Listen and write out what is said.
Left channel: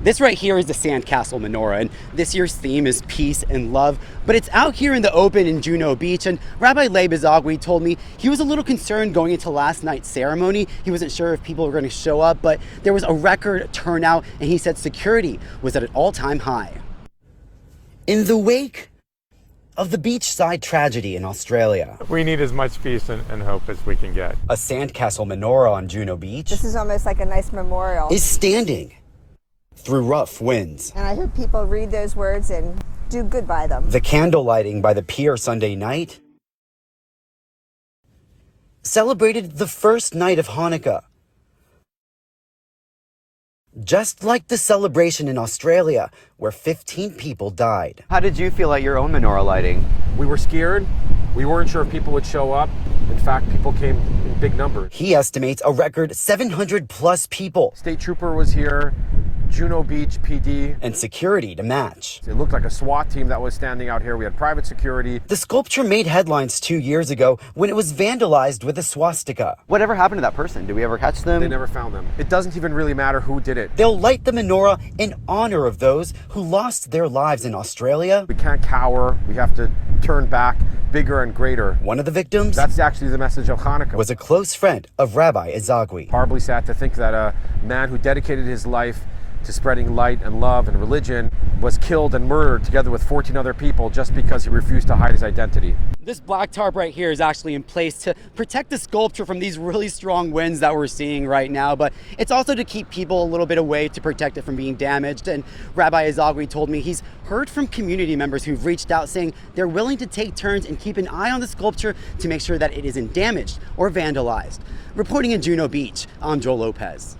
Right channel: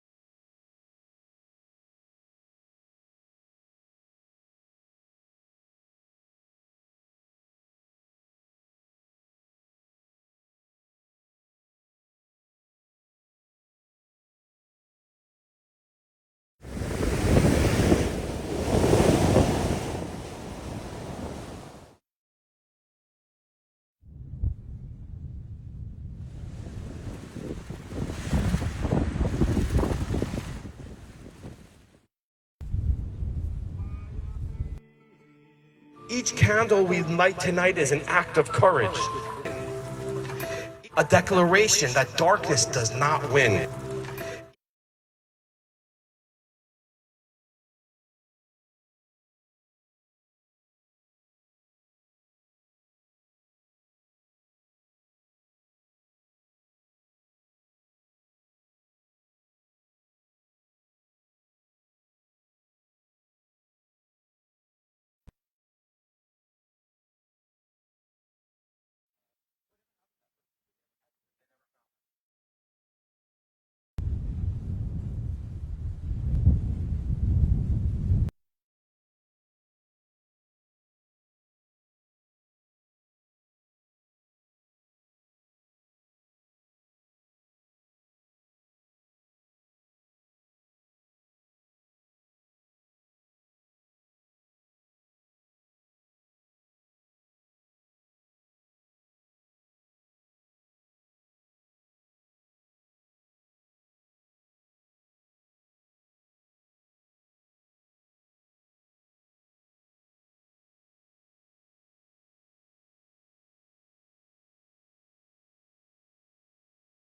This right here is the sandcastle menorah, and this year's theme is peace and love, but it's out here in the open in Juno Beach, and Rabbi Leib Izagwi told me he was a little concerned going into last night's ceremony. He wasn't sure if people were going to show up, but there was a record turnout, and he said security was at an all-time high. In the wake of the beachside tragedy in Australia, we need as much peace and hope as we can get. a sandcastle menorah on Juno Beach This is almost like a nice memorial. is standing through rough winds. And I hear people read those words and do good by them. The candle lighting by the pier Sunday night Each candle we light tonight is an act of courage, celebrated the first night of a Hanukkah, declaration that darkness does not win. just like the celebration in Australia, where 15 people died. How did you feel at your own menorah lighting? We were scared. We weren't sure if people would show up. In fact, people came in big numbers. He estimates a record 700 plus people State trooper was here, Juno Beach PD. and security to match. It looked like a SWAT team that was standing out here. We had private security. The sculpture made headlines 2 years ago when it was vandalized with a swastika. Whatever happened to that person? Did we ever catch them? They never found them. It doesn't even really matter who did it. They'll light the menorah in honor of those who lost their lives in Australia. We can't cower. We have to turn back, bigger and greater. One of the victims That's actually the message of Hanukkah. was a close friend of Rabbi Izagwi. Horribly sad to think that a man who dedicated his life to spreading light and love and religion was killed and murdered together with 14 other people just because he refused to hide his identity. This black tarp right here is actually in place to protect the sculpture from these really strong winds that we're seeing right now, but it's also to keep people a little bit away to protect it from being damaged. And Rabbi Izagwi told me he's heard from community members who've reached out saying they're willing to take turns and keep an eye on the sculpture to make sure that it isn't damaged or vandalized. Reporting in Juno Beach, I'm Joel Lopez.